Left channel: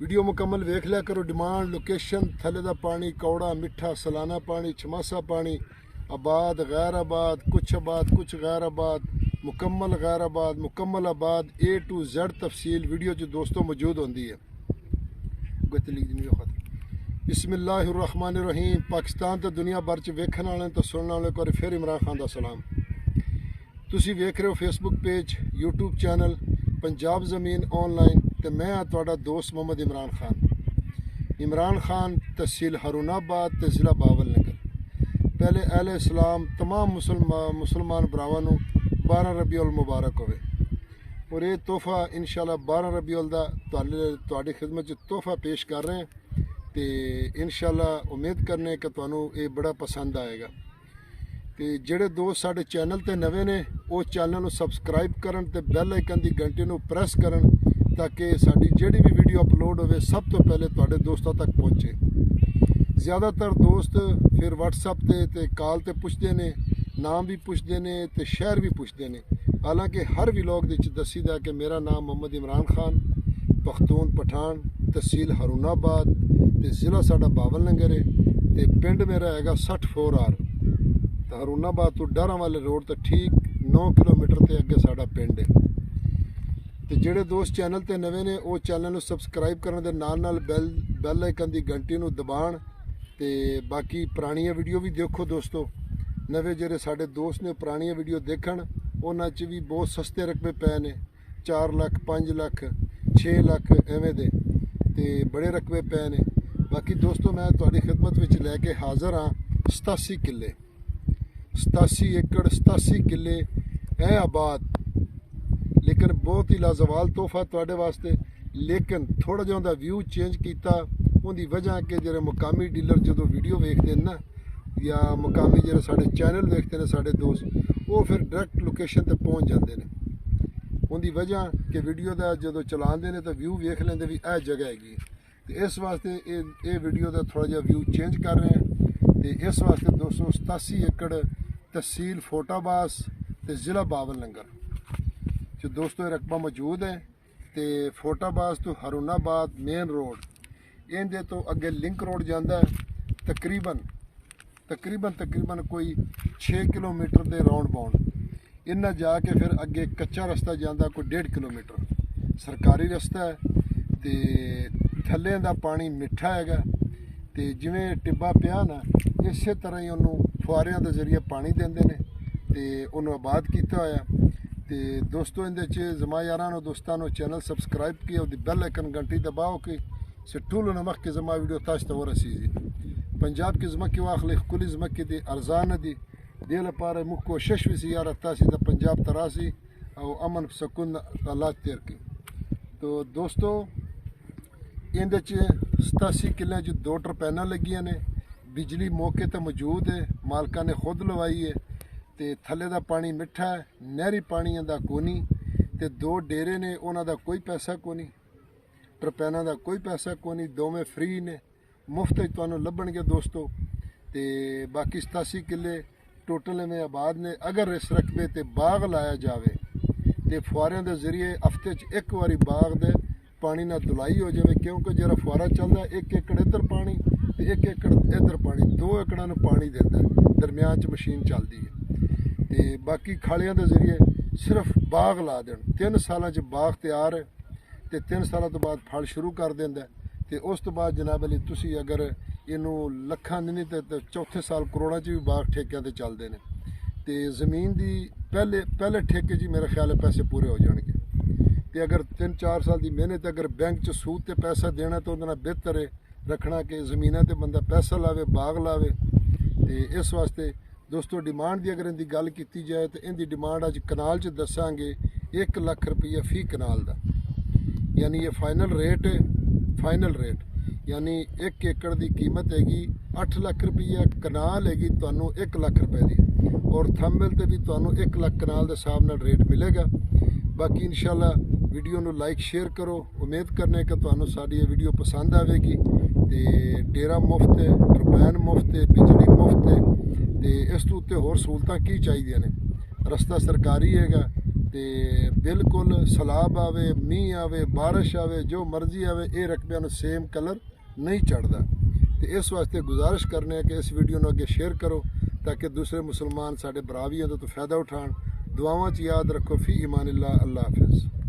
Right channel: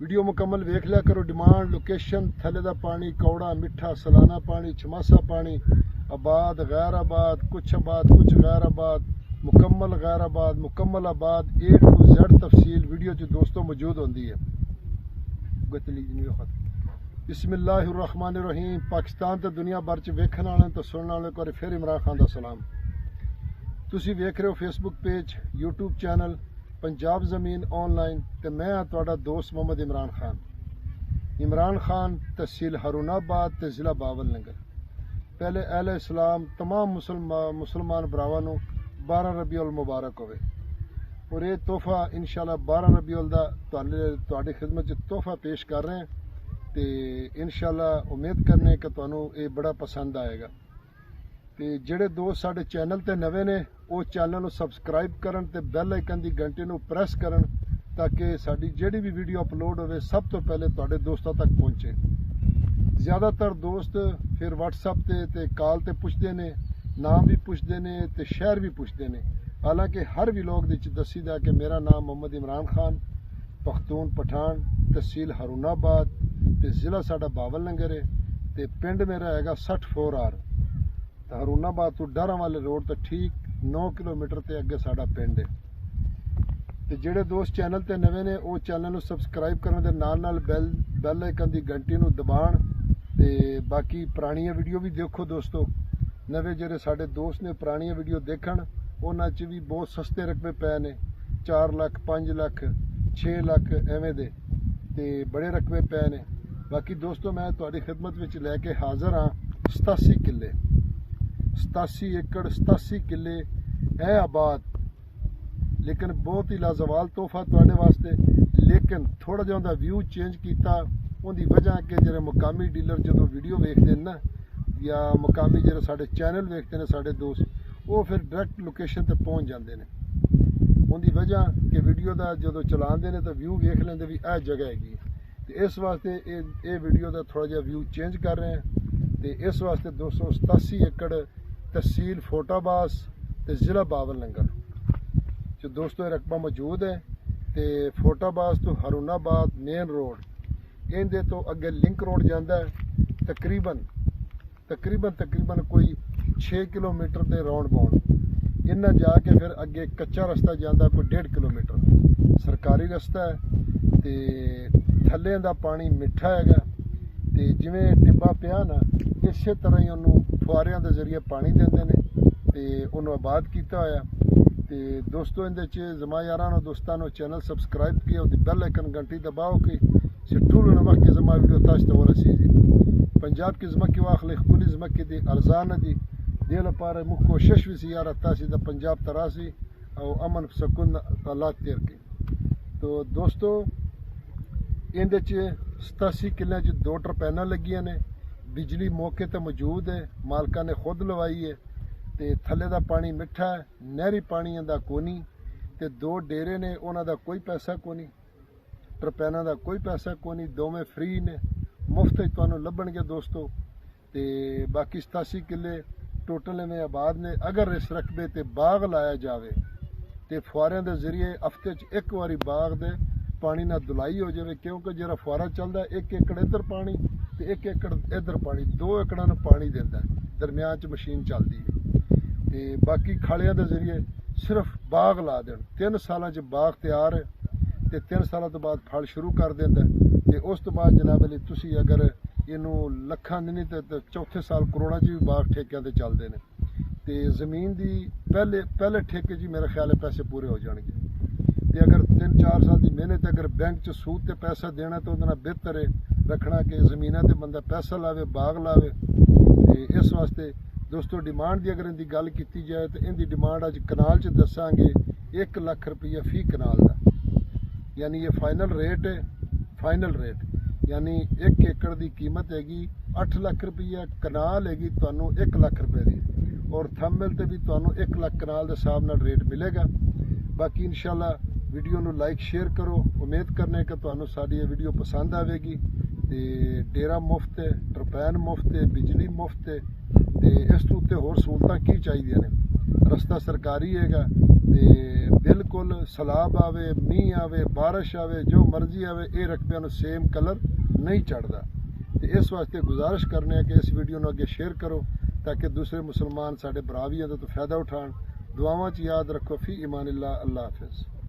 Video मुकम्मल वेख लिया करो। डिमांड लोकेशन थले दा पानी कौड़ा मिठा सलाना पानी छमासा पानी आबाद गैर आबाद कुछ गैर आबाद मुकम्मल गैर आबाद मुकम्मल आबाद A to Z तफसील वीडियो जो दोस्तों मौजूद होती है। बिस्मिल्लाहिर्रहमानिर्रहीम। पाकिस्तान तो दुनिया भर च वेखण वाले तो सुनने वाले को फिर इमरान खान का सलाम। तुसी वेख रहे हो Facebook page YouTube channel Punjab ज़मीन ऑनलाइन तो मैं हाँ तुहाडा दोस्त मोहम्मद इमरान खान तहसील हारूनाबाद ते ज़िला बावलनगर। पहले अहले इस्लाम तमाम मुसलमान भरावां नूं 12 रबीउल मुबारक होवे और ये तोहफा इंशाल्लाह 12 रबीउल दा तुहाडी खिदमत च तोहफा पेश कर रहे हैं तो इंशाल्लाह उम्मीद करने कि तुहानूं ये बड़ा पसंद आएगा। तो ਜਿਹੜੇ दोस्त साडे चैनल ते नवे ने वो चैनल ਨੂੰ सबसक्राइब करन ते बैल आइकन की घंटी ਨੂੰ प्रेस करन ताकि साडी ਜਿਹੜੀ भी वीडियो अपलोड होवे सब तो पहले तुहाडे दोस्तों तक पहुँचे। ज़्यादातर दोस्त फिर WhatsApp ते कॉल ते पुछदे ने, नाम भी पुछदे ने ते शहर भी पुछदे ने। हालांकि हर व्लॉग दे विच दसीदा कि मेरा नाम मोहम्मद इमरान खान पख्तून पठान तहसील हारूनाबाद ते ज़िला साडा बावलनगर है ते पिंड मेरा हैगा 64R। तो हारूनाबाद तो डारा वाले रोड तो ठीक 9 किलोमीटर ते अगे साडा पिंड है। तो ਜਿਹੜੇ दोस्त चैनल ते नवे ने वो चैनल ਨੂੰ सबसक्राइब ਕਰਨ ਦੇ ਨਾਲ बैल आइकन की घंटी ਨੂੰ दबाण ते बाकी पुरानियां वीडियो भी देखो दोस्तों। नवे ਜਿਹੜੇ साडे दोस्त ने पुरानियां वीडियो देखण ਉਹਨਾਂ 'ਚ भी बहुत सस्ते रकबे पए ने 4 ਲੱਖ 5 ਲੱਖ 6 ਲੱਖ ਐਵੇਂ ਦੇ ਤੇ बड़े रकबे पए ने। बाकी दोस्तों मैं तुहाडी खिदमत विच लैके हाज़र हाँ 87 किले 87 एकड़ 87 किले है आबाद। लेकिन बहुत ही लाजवाल तोहफा तुहाडे वास्ते। लेकिन थोड़ा जिहा उहदा व्यू चेंज किया उहदी वजह कि ਜਿਹੜੇ मुकामी डीलर जो वीडियो वेखते हैं ना या मुकामी ਜਿਹੜੇ साडे चैनल वेखते हैं साडे दोस्त वो फिर डायरैक्ट लोकेशन ते पहुँच जाते हैं। उहदी वजह कि वीडियो का जो चलाते हैं तो व्यू वेख लेंदे भी यह जगह हैगी। तो इस वास्ते ये वीडियो का थोड़ा जिहा व्यू चेंज कर रहे हैं। तो इस वास्ते 287 एकड़ तहसील फोटाबास ते ज़िला बावलनगर जो दोस्तों रकबा मौजूद है। तो फोटाबास तो हारूनाबाद मेन रोड इनके तो अगे लिंक रोड जाता है तकरीबन कोई 6 किलोमीटर के राउंड बाउंड। इन्ना जाके फिर अगे कच्चा रस्ता जाता कोई 1.5 किलोमीटर सरकारी रस्ता है। तो थल्ले का पानी मिठा है तो जिमें टिब्बा पिया ना इस तरह ही उन्होंने फुआरियां के जरिए पानी देंदे ने ते उन्होंने आबाद किया होया। तो दोस्तों इहदे च जमा यारां दोस्तों चैनल सबसक्राइब किया और बेल आइकन घंटी दबाओ कि सिट्टूल नमक के जमा वीडियो ताश तो रसीजी पंजाब की जमा की वाखले कुल जमा की दी अर्जान दी दिल पारे मुख कोशिश भी सी यार तासी दा पंजाब तरासी और अमन सुकून हालात तेर की। तो दोस्तों इहदे च 87 किले च 2 टरपैना लगियां ने। बिजली मौके तो मौजूद है, मालका ने खुद लवाई है। तो थले का पानी मिठा है, नहरी पानी का कोनी। तो 2 डेरे ने उन्हों का कोई पैसा कोनी, टरपैना का कोई पैसा कोनी, दोवें फ्री ने मुफ्त तुहानूं लभणगे दोस्तों। तो बाकी 87 किले टोटल में आबाद ने। अगर इस रकबे ते बाग लाया जाए तो फुआरियां के जरिए हफ्ते च एक बारी बाग दे पानी ना धुलाई हो जाए क्योंकि जो फुआरा चलता 1 एकड़ इधर पानी तो 1 एकड़ इधर पानी 2 एकड़ों में पानी देता है दरम्यान च मशीन चलती है। तो बाकी खालियां के जरिए सिर्फ बाग ला देन 3 सालों बाग तैयार है तो 3 सालों तो बाद फल शुरू कर देंदा। तो उस तो बाद जनाब अली तुसी अगर इनू लखां नहीं तो चौथे साल करोड़ों च भी बाग ठेकियां ते चलते हैं। तो जमीन की पहले ठेके जी मेरा ख्याल है पैसे पूरे हो जाएंगे। तो अगर 3-4 साल की मेहनत अगर बैंक च सूद ते पैसा देना तो उहदे नाल बेहतर है रखना कि ज़मीनां ते बंदा पैसा लावे बाग लावे। तो इस वास्ते दोस्तों डिमांड की अगर इनकी गल की जाए तो इनकी डिमांड अज कनाल च दसांगे 1 लाख रुपया फी कनाल का। यानी ये फाइनल रेट है। फाइनल रेट यानी 1 एकड़ की कीमत हैगी 8 लाख रुपया, कनाल हैगी तुहानूं 1 लाख रुपए की और थंबनेल ते भी तुहानूं 1 लाख कनाल के हिसाब नाल रेट मिलेगा। बाकी इंशाल्लाह वीडियो नूं लाइक शेयर करो। उम्मीद करने कि तुहानूं साडी ये वीडियो पसंद आवेगी। तो डेरा मुफ्त है, टरपैन मुफ्त है, बिजली मुफ्त है। तो इस तो उत्ते होर सहूलतां की चाहिए ने। रस्ता सरकारी हैगा, ਤੇ ਬਿਲਕੁਲ ਸਲਾਬ ਆਵੇ, ਮੀਂਹ ਆਵੇ, ਬਾਰਿਸ਼ ਆਵੇ, ਜੋ ਮਰਜ਼ੀ ਆਵੇ, ਇਹ ਰਕਬਿਆਂ ਨੂੰ ਸੇਮ ਕਲਰ ਨਹੀਂ ਚੜਦਾ। ਤੇ ਇਸ ਵਾਸਤੇ ਗੁਜ਼ਾਰਿਸ਼ ਕਰਨੇ ਆ ਕਿ ਇਸ ਵੀਡੀਓ ਨੂੰ ਅੱਗੇ ਸ਼ੇਅਰ ਕਰੋ ਤਾਂ ਕਿ ਦੂਸਰੇ ਮੁਸਲਮਾਨ ਸਾਡੇ ਭਰਾ ਵੀ ਇਹਦੇ ਤੋਂ ਫਾਇਦਾ ਉਠਾਉਣ। ਦੁਆਵਾਂ 'ਚ ਯਾਦ ਰੱਖੋ। ਫੀ ਇਮਾਨਿल्लाह। ਅੱਲਾ ਹਾਫਿਜ਼।